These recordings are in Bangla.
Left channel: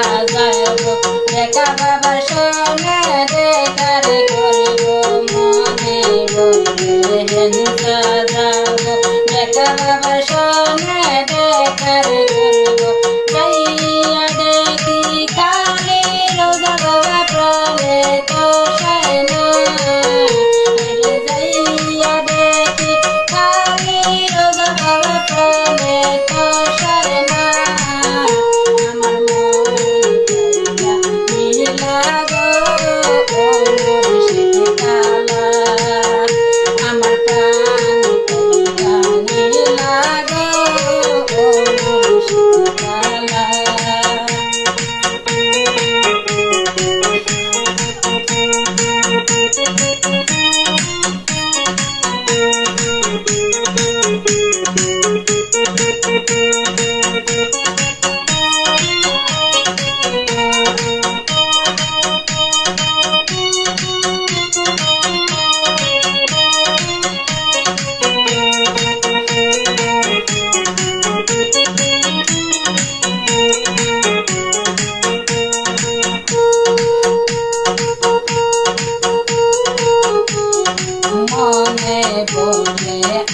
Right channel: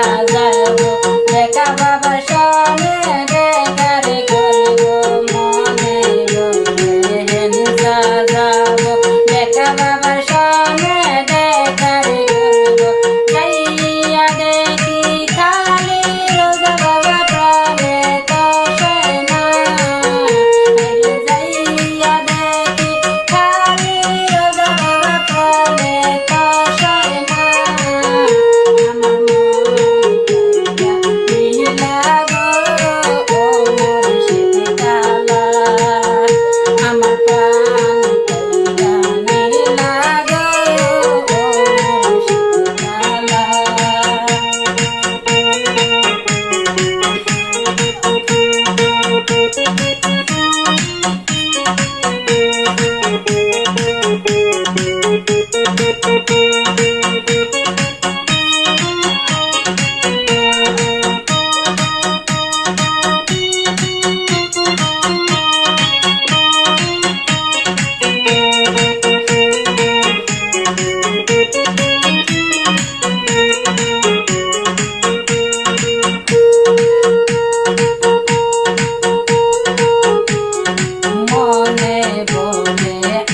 সাজাব দেখা বাবার সনে দেখার করব মনে বলে হেন সাজাব দেখা বাবার সনে দেখার করব যাইয়া দেখি খালি রোজা বাবা প্রাণে তো না যাইয়া দেখি খালি রোজা বাবা প্রাণে তো না আমার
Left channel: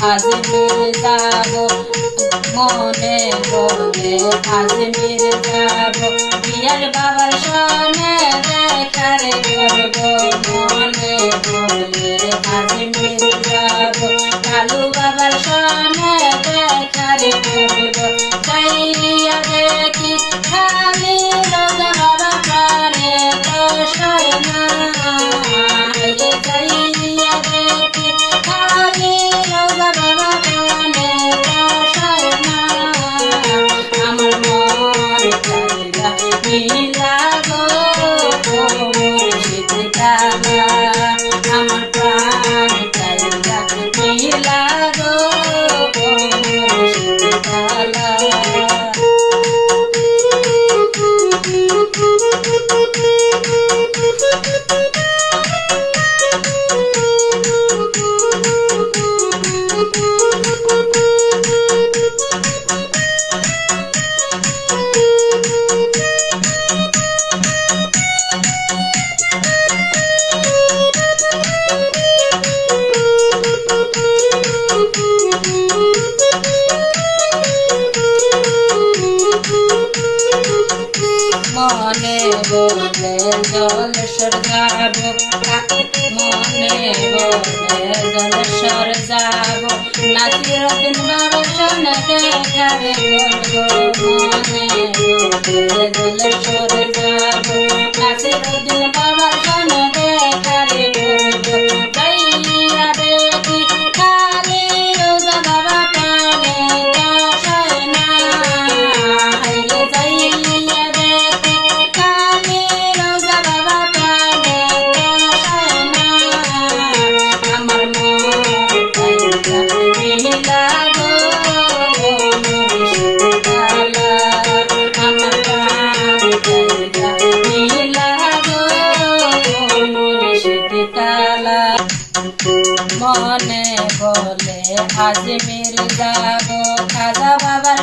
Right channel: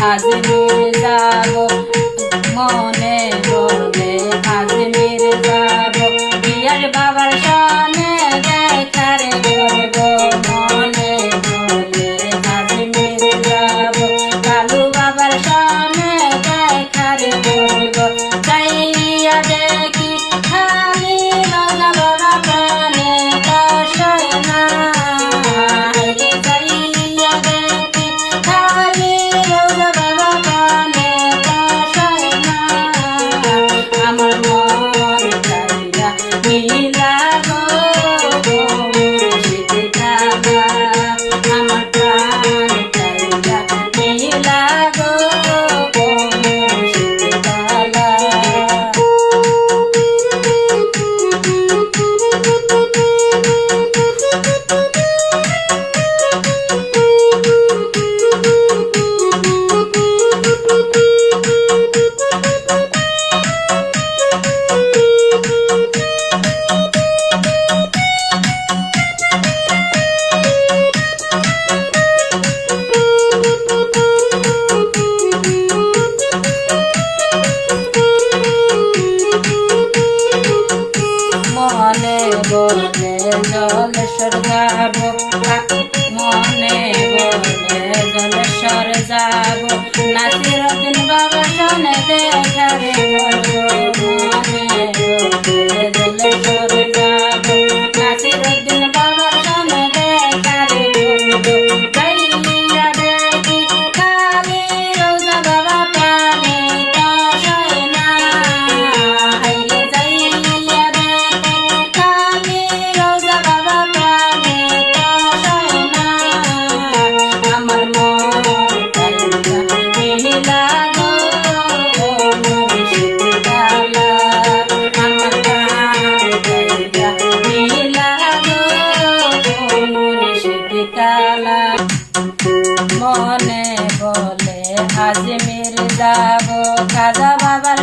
আজমির যাব মনে বলে আজমির যাব বিয়ার বাবার সনে দেখার করব মনে বলে আজমির যাব কালু বাবার সনে দেখার করব যাইয়া দেখি খালি রোজা বাবা প্রাণে তো না যাইয়া দেখি খালি রোজা বাবা প্রাণে তো না আমার মন চাইরা নীলা গো মুর্শিদ কালা আমার প্রাণ চাইরা নীলা গো মুর্শিদ কালা মনে বলে জলেশ্বর যাব মনে বলে জলেশ্বর যাব নাসিরউদ্দিন বাবার সনে দেখাবে করব মনে বলে জলেশ্বর যাব নাসিরউদ্দিন বাবার সনে দেখাবে করব যাইয়া দেখি খালি রোজা বাবা প্রাণে তো না যাইয়া দেখি খালি রোজা বাবা প্রাণে তো না আমার মন চাইরা নীলা গো মুর্শিদ কালা আমার প্রাণ চাইরা নীলা গো মুর্শিদ কালা মনে বলে আজমির যাব খাজা বাবার